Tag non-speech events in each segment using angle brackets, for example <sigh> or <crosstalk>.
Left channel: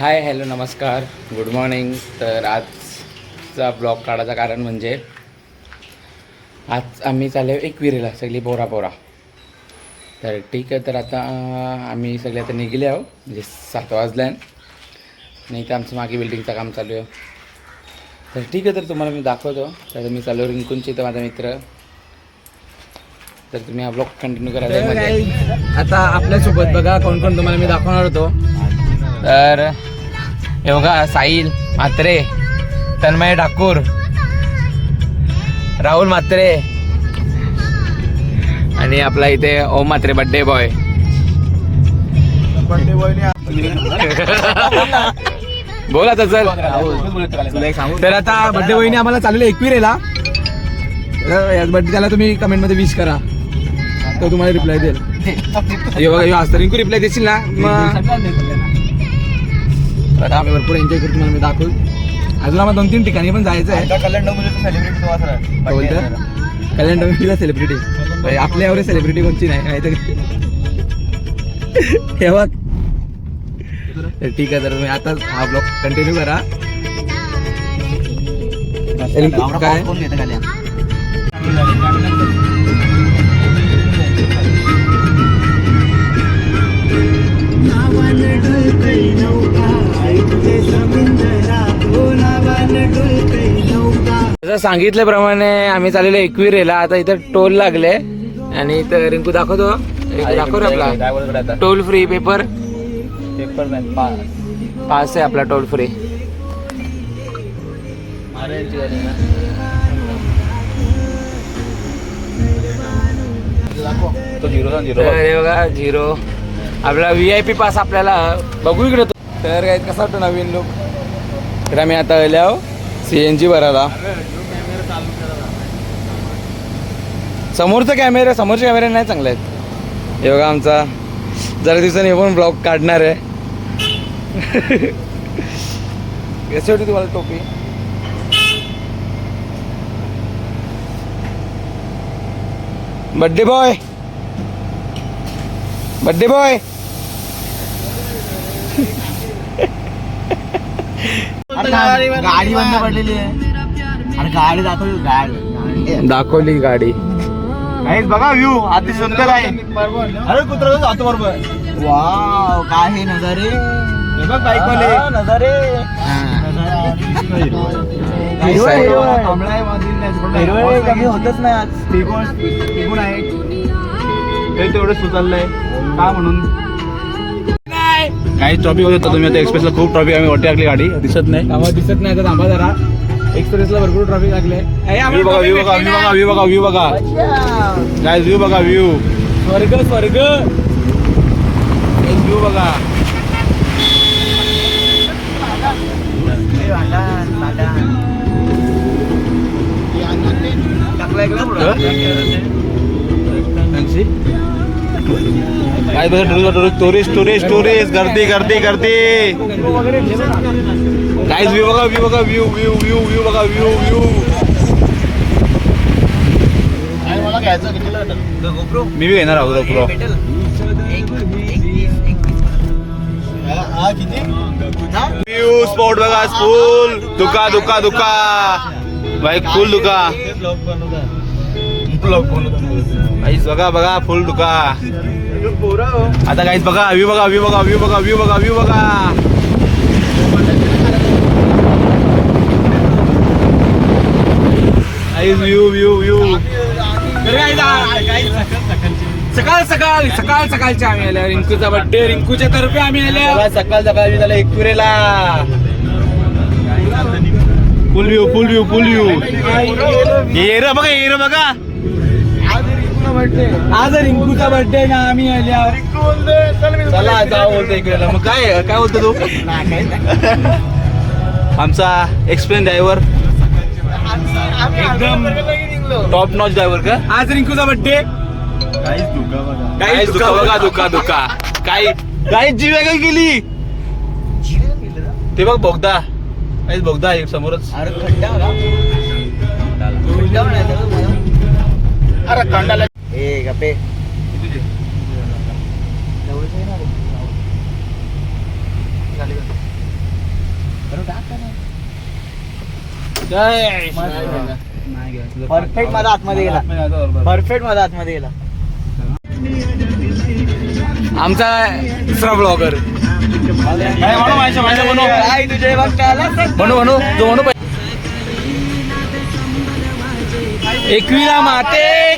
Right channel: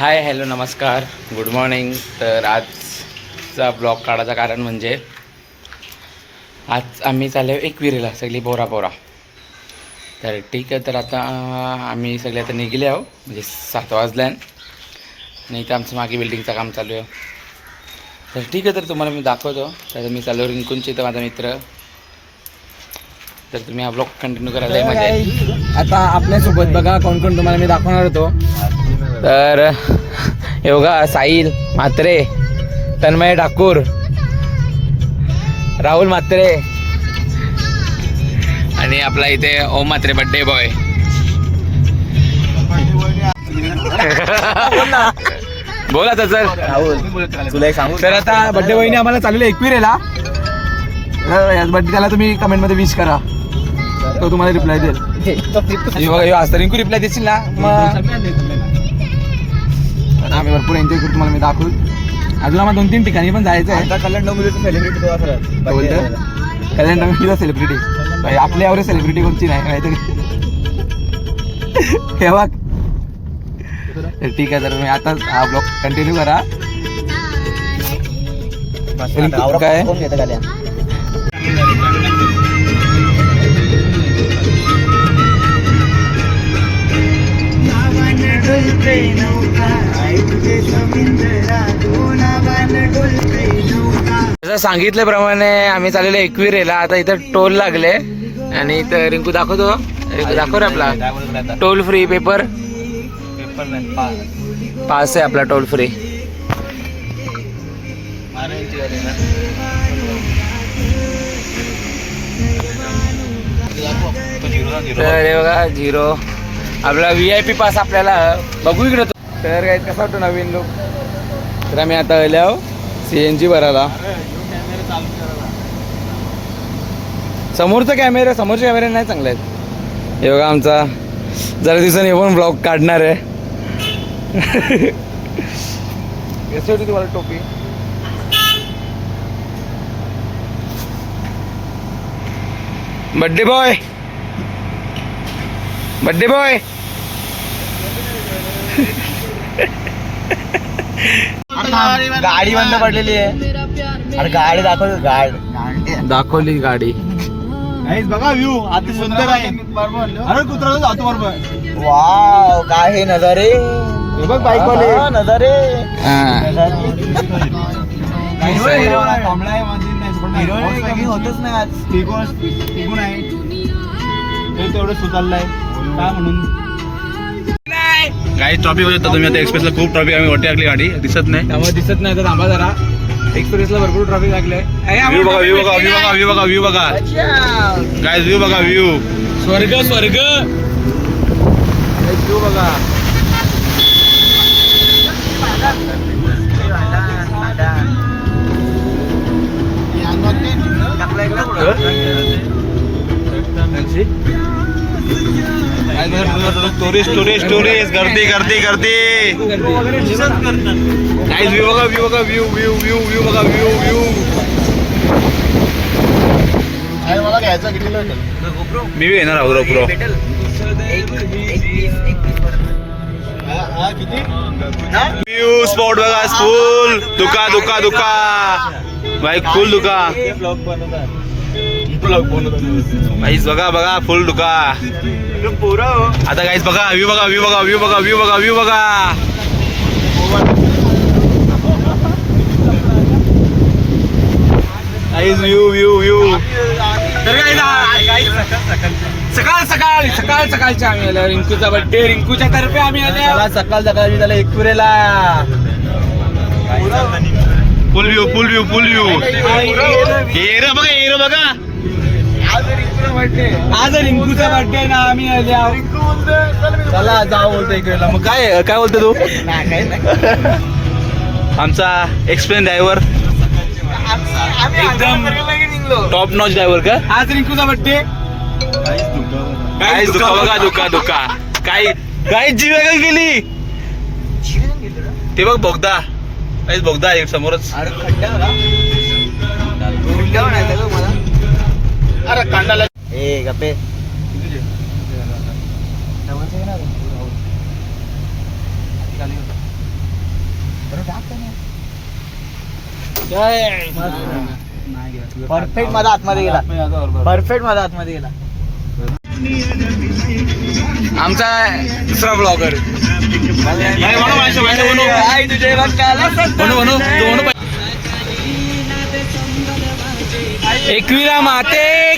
हाय hello नमस्कार. Good morning तर आजचा ब्लॉग काढायचं कारण म्हणजे आज आम्ही चाललो एकविरेला सगळी बोरा बोरा तर ठीक आहे तर आता आम्ही सगळे आता निघले आहो म्हणजे सात वाजल्यान. आणि इथं आमचं मागे बिल्डिंगचं काम चालू आहे. तर ठीक आहे तर तुम्हाला मी दाखवतो. तर मी चालू रिंकूनची तर माझा मित्र. तर तुम्ही हा ब्लॉग कंटिन्यू करायला येईल आता आपल्यासोबत बघा कोण कोण तुम्हाला मी दाखवणार होतो. तर योगा साईल साहिल म्हात्रे तन्मय ठाकूर राहुल म्हात्रे आणि आपला इथे ओम म्हात्रे बड्डे बॉय बोला तर सर. तर आता बड्डे बहिणी आम्हाला चालले एकविरेला बड्डे त्याला तुम्ही कमेंटमध्ये विश करा. तो तुम्हाला रिप्लाय देईल. असं रिंकू रिप्लाय देशील ना? मग आता आम्ही भरपूर एन्जॉय करू तुम्हाला मी दाखवू. अजून आम्हाला दोन तीन ठिकाणी पण जायचं आहे. काय बोलतं कल्याण डोंबिवलीचा सेलिब्रिटी आपल्या एवढे सेलिब्रिटी कोणची नाही माहिती हे बघ. तर ठीक आहे तर मी आता हा ब्लॉग कंटिन्यू करा. रिंकू, जसं सांगितल्याप्रमाणे आम्ही चाललेलो एकविरेला. आता इथं टोल लागले. आणि इथं रिंकू दाखवतो. रिंकू दाखव रे आपला. टोल फ्री पेपर पास आहे आपला टोल फ्री तर हे बघा झिरो आपला व्ही आय पी पास आपल्याला बघू इकडे तो. तर काय कसा वाटतो नवीन लोक तर आम्ही आता आल्या सी एन जी भरायला. समोरचा कॅमेरा समोरचे कॅमेरे नाही चांगले आहेत. बघा आमचा जरा दिवसांनी पण ब्लॉग काढणार आहे. कशी होती तुम्हाला टोपी? बड्डे बॉय बड्डे बॉय गाडी बंद पडलेली आहे. अरे गाडी दाखव गाडी. दाखवली गाडी. काहीच बघा व्ह्यू अति सुंदर आहे. अरे कुत्रा जातो बरोबर. वाव काय हे नजारे. हे बघ हा, नजारे. हिरवळ कमी होतच नाही आज. टिकून आहे ते तेवढं सुचाललंय काय म्हणून? काही ट्रॉफिक होत तुम्ही आता एक्सप्रेसला खूप ट्रॉफिक आम्ही वाटी टाकली गाडी. दिसत नाही. त्यामुळे दिसत नाही तर थांबा जरा. एक्सप्रेसला भरपूर ट्रॉफिक लागले व्ह्यू बघा व्ह्यू बघा व्ह्यू बघा व्ह्यू बघा व्ह्यू बघा. काय व्ह्यू बघा व्ह्यू स्वर्ग स्वर्ग. व्ह्यू बघा. टुरिस्ट टुरिस्ट टुरिस्ट गर्दी गर्दी गर्दी काय व्ह्यू बघा व्ह्यू बघा व्ह्यू व्ह्यू व्ह्यू व्ह्यू बघा व्ह्यू व्ह्यू मी बी येणार आहोत प्रो व्ह्यू स्पॉट बघा फुल दुका दुका दुका. बाईक फुल दुका. गाईस बघा बघा फुल दुका आता गाईस बघा व्ह्यू बघा व्ह्यू बघा व्ह्यू बघा व्ह्यू बघा व्ह्यू बघा व्ह्यू व्ह्यू व्ह्यू सकाळ सकाळ सकाळ सकाळच्या आम्ही आल्या रिंकूचा बर्थडे रिंकूच्या तर्फे आम्ही आल्या सकाळ सकाळ त्याला एकपुरेला full view full view full view arrow बघा एरो बघा. आज रिंकूचा बर्थडे ना आम्ही चला जाऊ बोलतो इकडेला मग काय काय बोलतो तू? आमचा एक्सप्लेन ड्रायव्हर एकदम टॉप नॉच ड्रायव्हर का? आज रिंकूचा बर्थडे काय दुका बघा दुका दुका काय काय जीव काय गेली ते बघ बोगदा. काहीच बोगदा अरे कांडाला ए गप्पे. परफेक्ट माझा आतमध्ये गेला. परफेक्ट माझा आतमध्ये गेला. आमचा दुसरा ब्लॉगर एकवीला माते.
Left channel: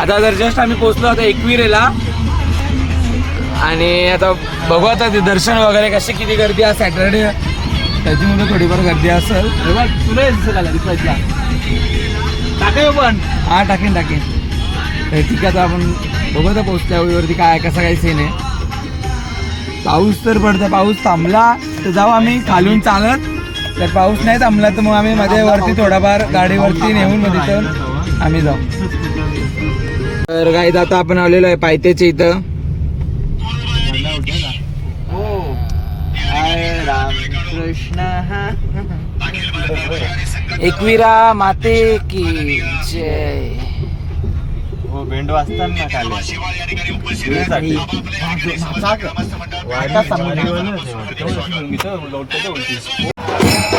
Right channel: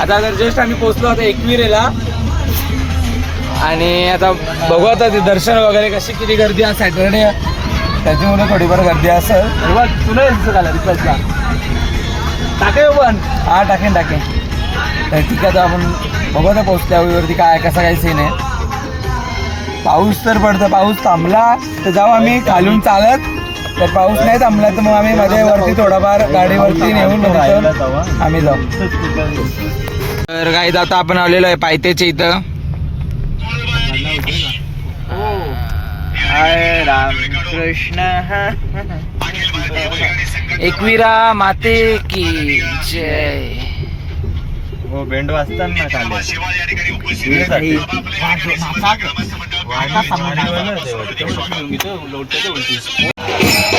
आता जर जस्ट आम्ही पोहोचलो आता एकविरेला आणि आता बघू आता ते दर्शन वगैरे कशी किती गर्दी आहे सॅटर्डे त्याच्यामुळे थोडीफार गर्दी असेल. तुला दिसत आला रिप्लायला टाके पण. हा टाकेन टाकेन. तर ठीक आहे आता आपण बघू आता पोहोचल्यावरती काय कसा काय सीन आहे. पाऊस तर पडतो पाऊस थांबला तर जाऊ आम्ही खालून चालत. तर पाऊस नाही थांबला तर मग आम्ही मध्ये वरती थोडाफार गाडीवरती नेऊन मग तिथं आम्ही जाऊ. तर काही आता आपण आलेलो आहे पायथ्याच्या इथं. हाय राम कृष्ण एकविरा माते की जय. हो बेंड वाजताना चालेल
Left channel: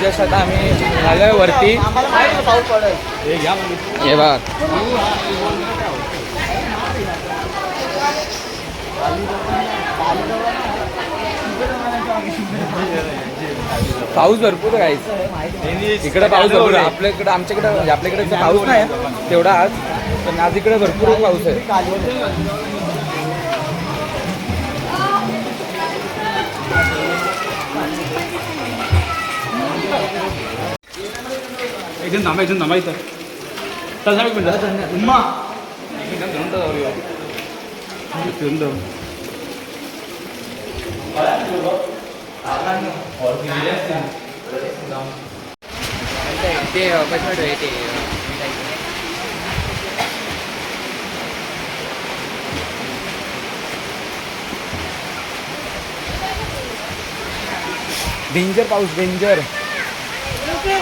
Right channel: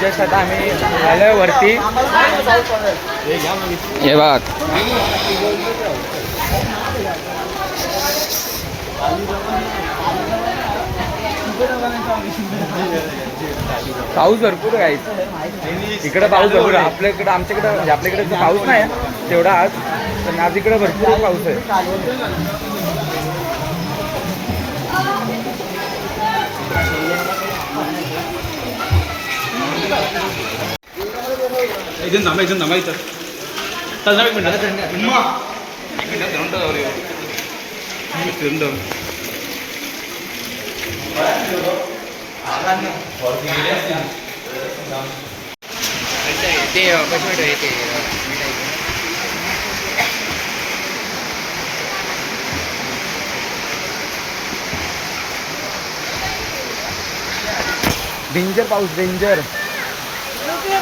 जस्ट आता आम्ही आलोय वरती हे बघ. पाऊस भरपूर आहे इकडे पाऊस भरपूर आहे. आपल्याकडे आमच्याकडे म्हणजे आपल्याकडे पाऊस नाही तेवढा आज. पण आज इकडे भरपूर पाऊस आहे. एकदम थांबा एकदम थांबा इथं. चल एक मिनिट. ते कशी येते डेंजर पाऊस डेंजर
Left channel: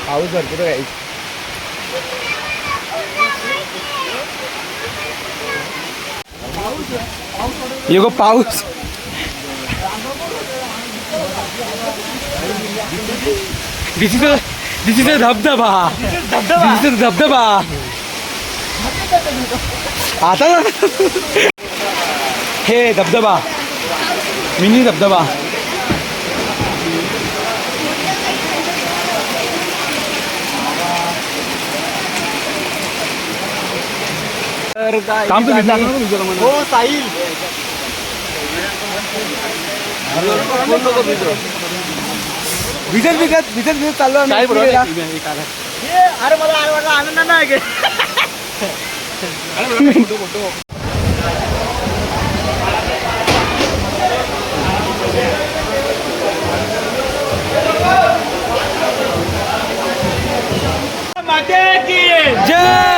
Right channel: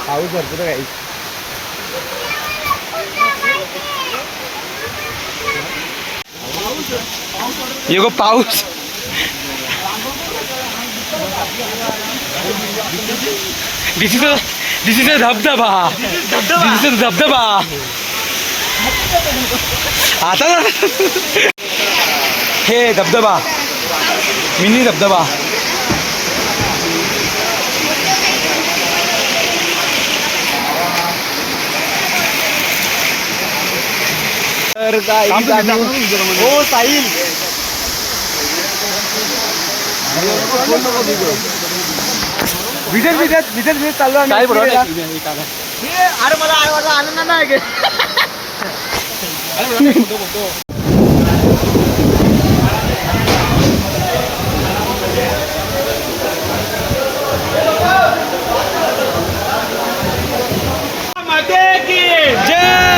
पाऊस भरपूर आहे. ये गो पाऊस दिस इज दिस इज अ धबधबा। दिस इज अ धबधबा। आता ना। हे धबधबा। मिनी धबधबा। तर काय हो साईल भिजत भिजत भिजत भिजत चाललो आम्ही. फिरायला. अरे मला आई वाटलं आनंद नाही गे जय!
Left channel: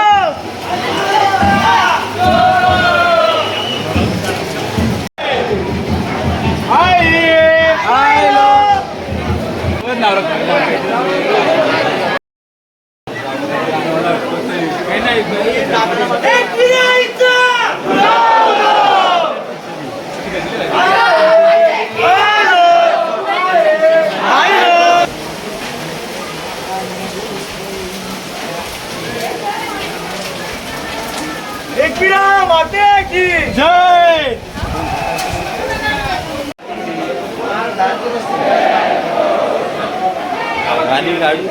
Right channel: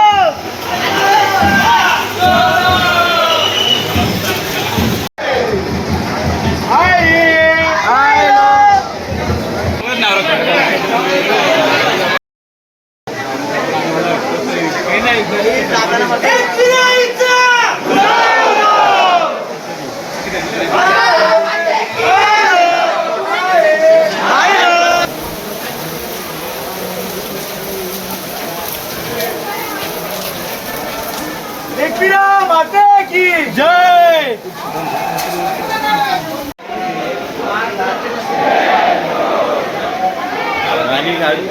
गाणी काढू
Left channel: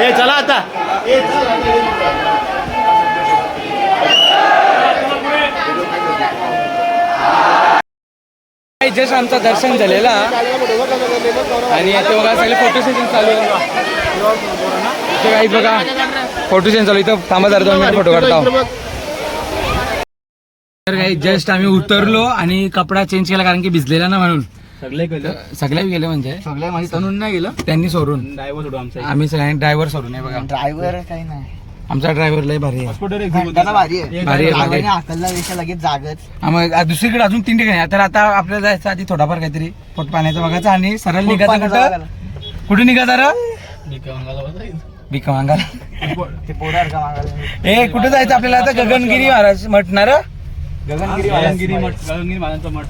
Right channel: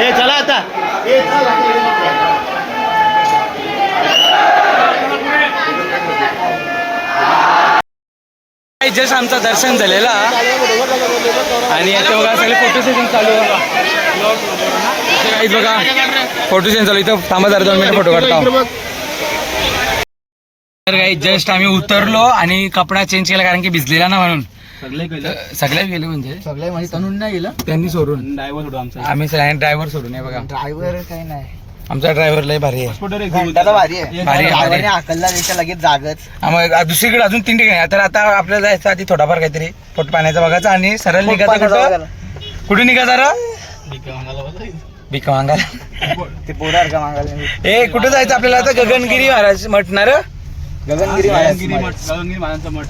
ए चला आता. जस्ट आमचं दर्शन झालेला. आणि सगळे फोटो शूटिंग चालू आहे बघा. फोटो शूटिंग चालू. इथं थांबा जरा दोन मिनिट फोटो काढता. तर काही जस्ट आम्ही उतरलो आणि कपडा चेंज केला कारण की भिजलेला ना म्हणून. सगळे तर सगळे गेले म्हणजे? सगळे म्हणजे तनुन नाही गेलं? त्यांनी सोडून. ड्रायव्हर सोडू आमचा आम्ही सगळ्यांनी ड्रायव्हर सोडून आहे बघा. ड्रायव्हर काही नाही. आमचा ड्रायव्हर लय भारी आहे. भारी आहे. भारी देशा लगेच जागच. मग दुसरीकडे अजून तीन ठिकाणी. तर आता आपल्याला जायचं आधी थोडाफार काहीतरी पोट पाण्याचा बघायचा आणि सरळ निघायचं कुठं? कुठे निघायचं रे भिकवांगाला ते पोरार का मागायला. ए कुठं जायचं आपल्याला? आता गगनगिरी महाराज म्हटणार गगनगिरी गगनगिरी मठ. गगनगिरी महाराजांचा मठ.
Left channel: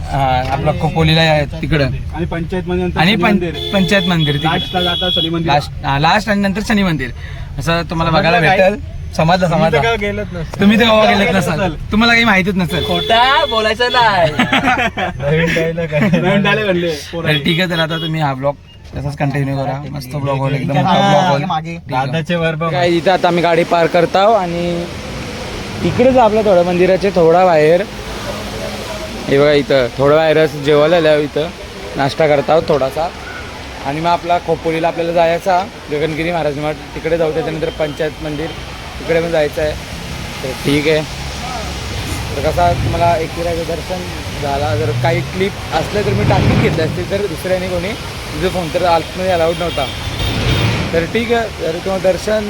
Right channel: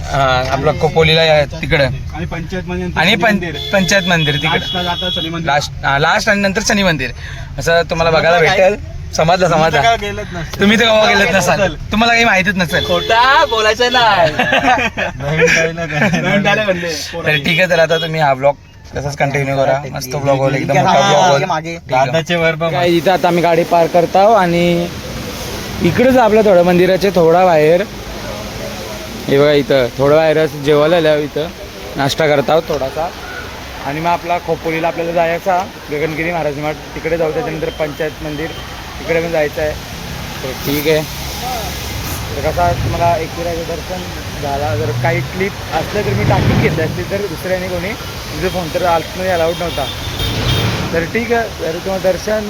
आपला कोपोलीला आहे तिकडं. आणि पंचायत मध्ये आणि पं- पंचायत मंदिर तिकडं. जाता मंदिर. लास्ट लास्ट आणि नंतर शनी मंदिर. असं तुम्हाला बघायला भेटेल. समजलं गेलत नाही तुम्ही तर गोवा गेलेत नसाल. तुम्हाला काही माहितीच नसेल. खोटा बोलायचं नाही. नवीन डायलॉग म्हणले <laughs> तर ठीक आहे तर आता तुम्ही हा ब्लॉग तसाच कंटिन्यू करा. मस्त ब्लॉग होईल एकदम मोठा ब्लॉग होईल. मागे. दादाचे वर काय इथं आता आम्ही गाडी पार्क करतो आणि इकडंच आपलं थोडं मंदिराचे थोडा बाहेर. हे बघा इथं थोडं बाहेरच जेवायला आल्यावर इथं. नाश्ता करत आहोत थोडासा. आणि मग आपला खोपोलीला आपल्याला जायचा गगनगिरी महाराज मठ. तिकडे जाऊ त्याच्यानंतर पंचायत मंदिर. तिकडे पण जायचं आहे. तर ठीक आहे. तर कसा तुम्हाला एकिराचं दर्शन झाला. जर काही क्लिप असलं तर मी टाकी घेतलं असते. तर दुसऱ्याने कोणी तुझं फोन तर आतमध्ये अलाउड नव्हता. तर ठीक आहे. जर तुम्हाला दर्शन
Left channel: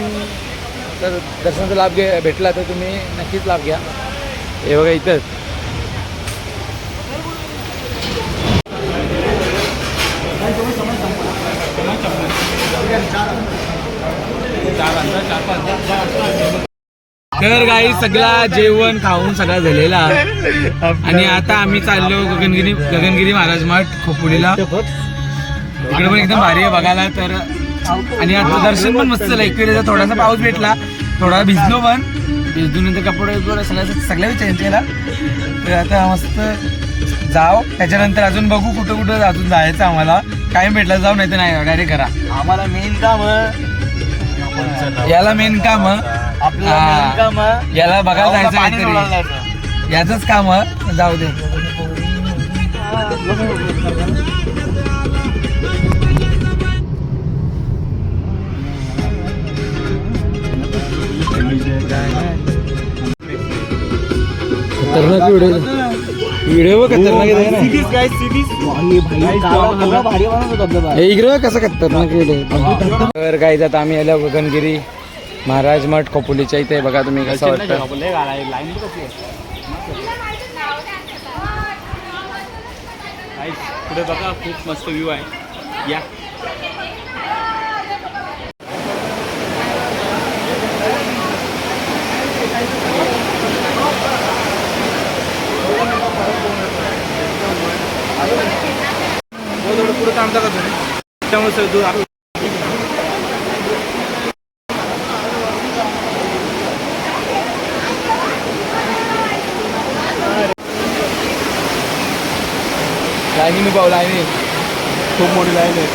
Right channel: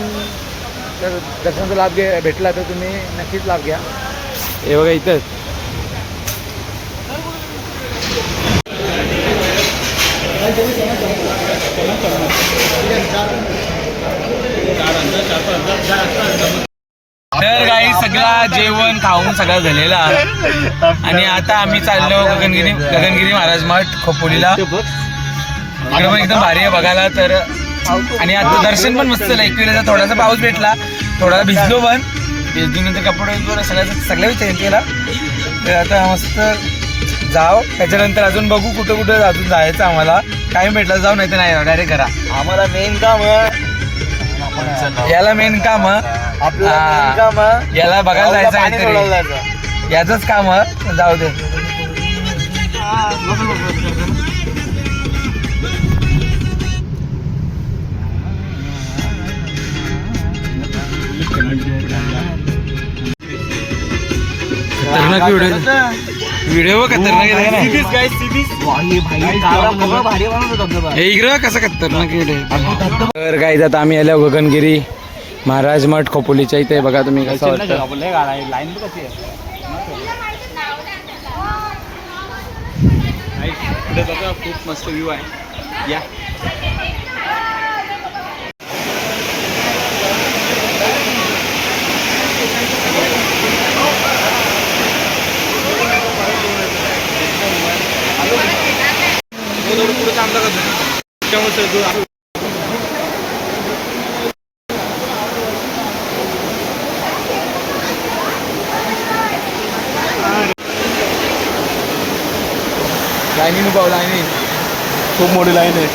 तर दर्शनाचा लाभ घे भेटला तर तुम्ही नक्कीच लाभ घ्या. हे बघा इथंच तर काही सगळा जेवण खाऊन सगळा झालेला. आणि आता आम्ही चाललो गगनगिरी गगनगिरी महाराज मठ खोपोलीला. इकडे पण एकदम भारी आहे बघायला तर आणि आता दर्शन पण मस्त झालं. एकवेळेचा थोडासा पाऊस भेटला थोडा भिजलो पण. भिजल्यानंतर कपडे वगैरे सगळ्या सगळ्या चेंज केला. तर आता मस्त जाव. त्याच्यानंतर अजून बघू कुठं कुठं अजून जायचं आम्हाला. टाइम भेटला जाऊ नाही तर नाही डायरेक्ट करा. आम्हाला मेन काम याला मेन काम. हा. याला बघायला जायचं याचंच काम जाऊ दे. खतरनाक व्हिडिओ व्हिडिओ खतरनाक आहे ना हे इकडं कसं खतरनाक व्हिडिओ तर काय आता आम्ही आलो गगनगिरी महाराज मठ खोपोलीच्या इथे. बघा तुम्ही कसं वाटतं. खूप मस्त व्ह्यू आहे. या. लाईनी पाव लाईनी. खूप मोठी लाईन आहे.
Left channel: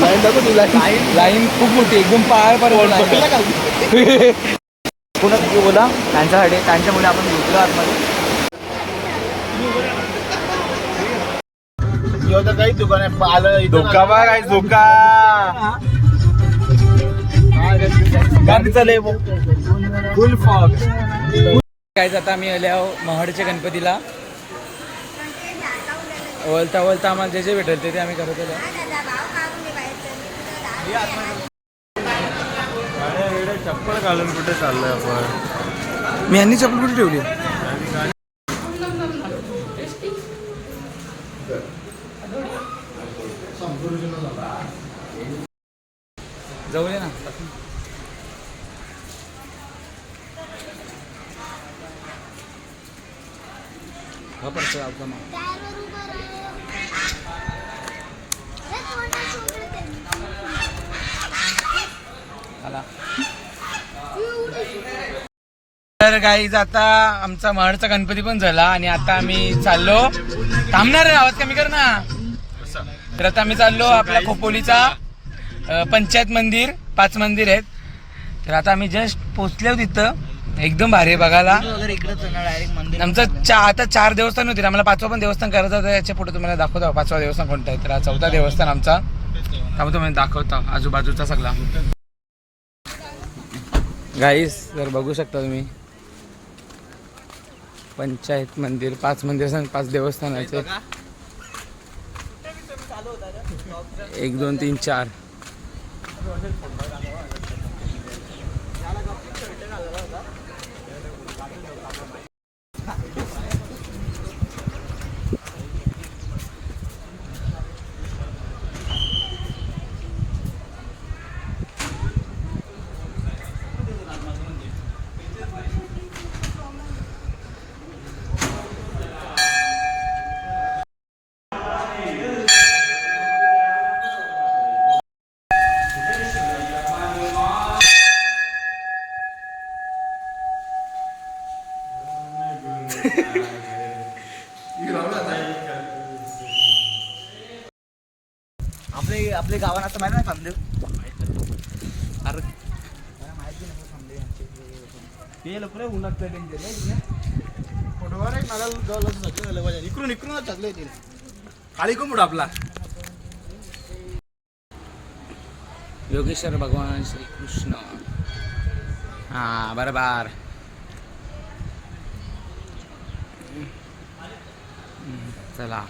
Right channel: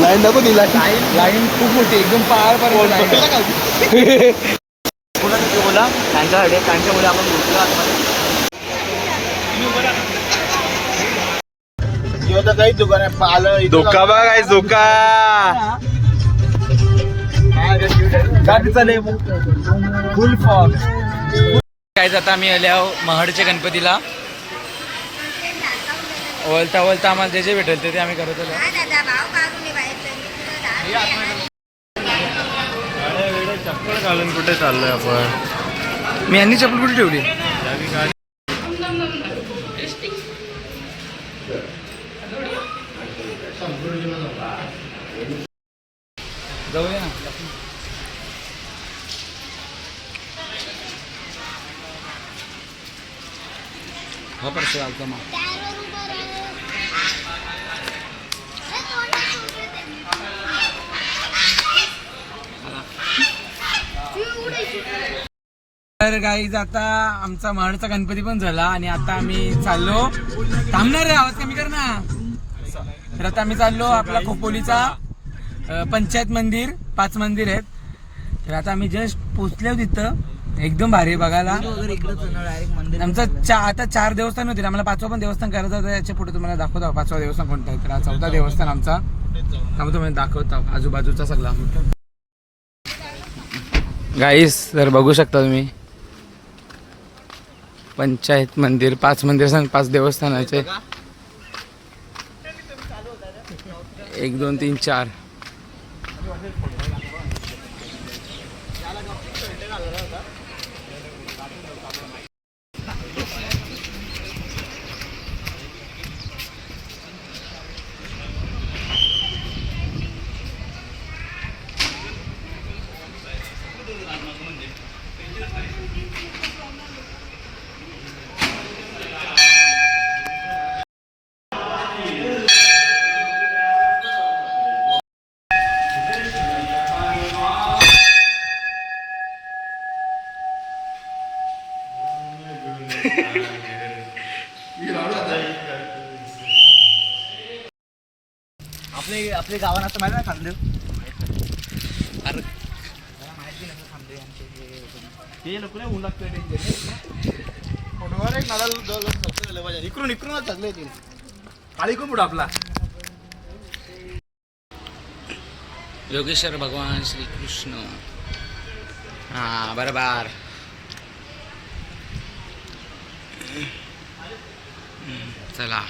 लाईन नको ती लाईन. लाईन खूप मोठी एकदम पार पार लाईन कुणाचं बोला? त्यांच्यासाठी त्यांच्या मुले आपण घेतलो आतमध्ये काही दुकान आहे धोका बघ काय धोका. फुल फॉग काय आता आम्ही आले आहो महाडच्या गणपतीला. वळता वळता आम्हाला जे जे भेटेल ते ते आम्ही करत आलो. चप्पल घालून कुठे चाललोय आपण? मी यांनी चप्पल कुठे ठेवली? गाईज आता आमचा महाडचा गणपती पण झाला आणि आता आम्ही चाललो. थांबणार रे आवाज कमी कर ना. तर आता आम्ही चाललो आपला खोपोलीचा अ, पंचायत मंदिर पाच मंदिर आहेत. तर आता आम्ही जस्ट पोचलो तिथं. एकदम भारी आहे बघायला. आमचं चा आता चार देवस्थान होते आम्हाला पाचवा पण देवस्थान करायचं होतं याच्यापुढे तुम्हाला दाखवतो. पाचवा देवस्थान कोणतं आहे? तर हा चौथा देवस्थान आमचा. त्यामुळे तुम्हाला दाखवतो. आजूबाजूचा सगळा. गाईस तर बघू शकता तुम्ही. पंचायत मंदिर पाच मंदिर सांग पाच देवस्थानाचे. एक दोन तीन चार. आपले आपले गावात असं माहिती ना खांदेव हे लोक ऊन इकडून इकडूनच थकले होते काळी कुंबड आपला? योगेश्वर भगवान श्री कृष्ण हा बरोबर. चला.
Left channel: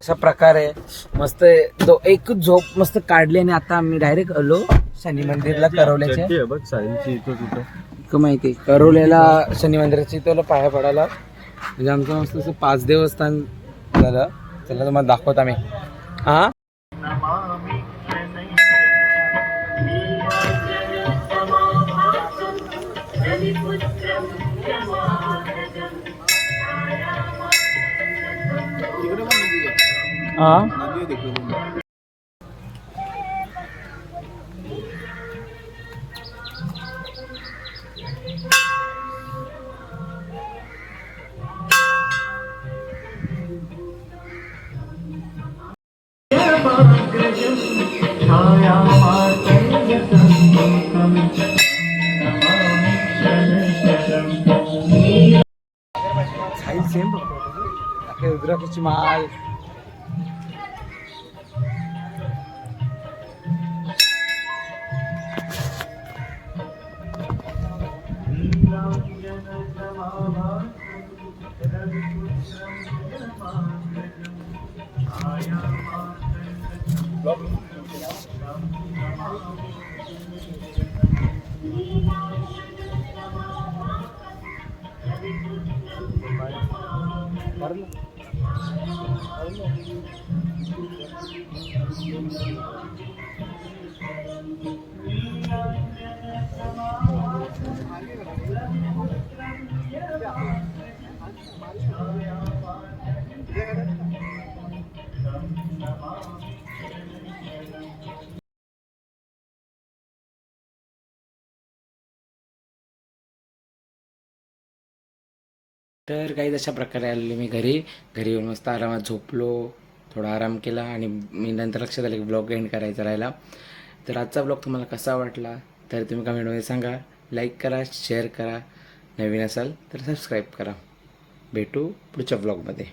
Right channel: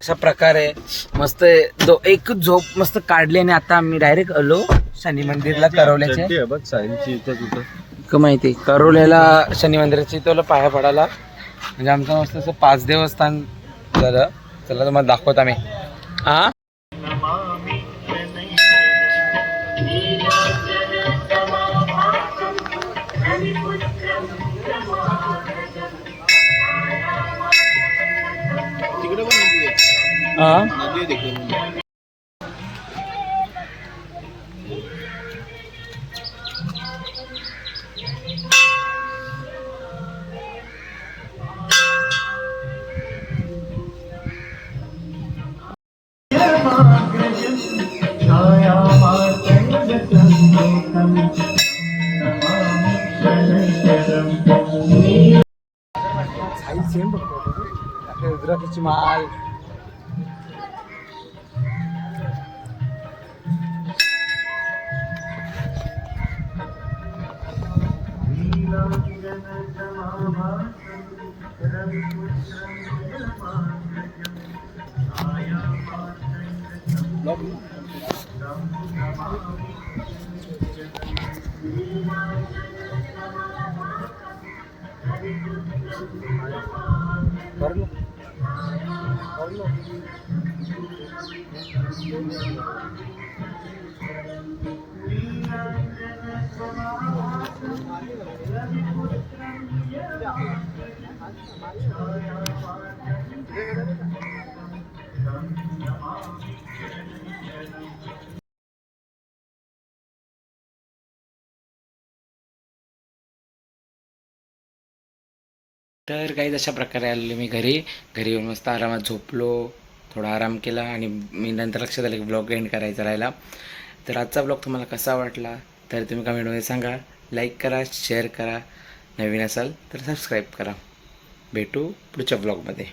अशा प्रकारे मस्त दो एक झोप मस्त काढली आणि आता आम्ही डायरेक्ट आलो शनी मंदिरला करवल्याचे का माहिती करवल्याला शनी मंदिराची तुला पाया पडायला. म्हणजे आमचं मस्त असं पाच देवस्थान झालं. चला तुम्हाला दाखवत आम्ही. हा? हा? ভিতরে কিছু মাল Love you. तर काही अशा प्रकारे आलेले मी घरी. घरी येऊन मस्त आरामात झोपलो. थोडा आराम केला आणि मी नंतर लक्षात आलं की ब्लॉग एंड करायचा राहिला. तर आजचा ब्लॉग तुम्हाला कसा वाटला तर तुम्ही कमेंटमध्ये सांगा. लाईक करा शेअर करा. नवीन असाल तर सबस्क्राईब करा. भेटू पुढच्या ब्लॉगमध्ये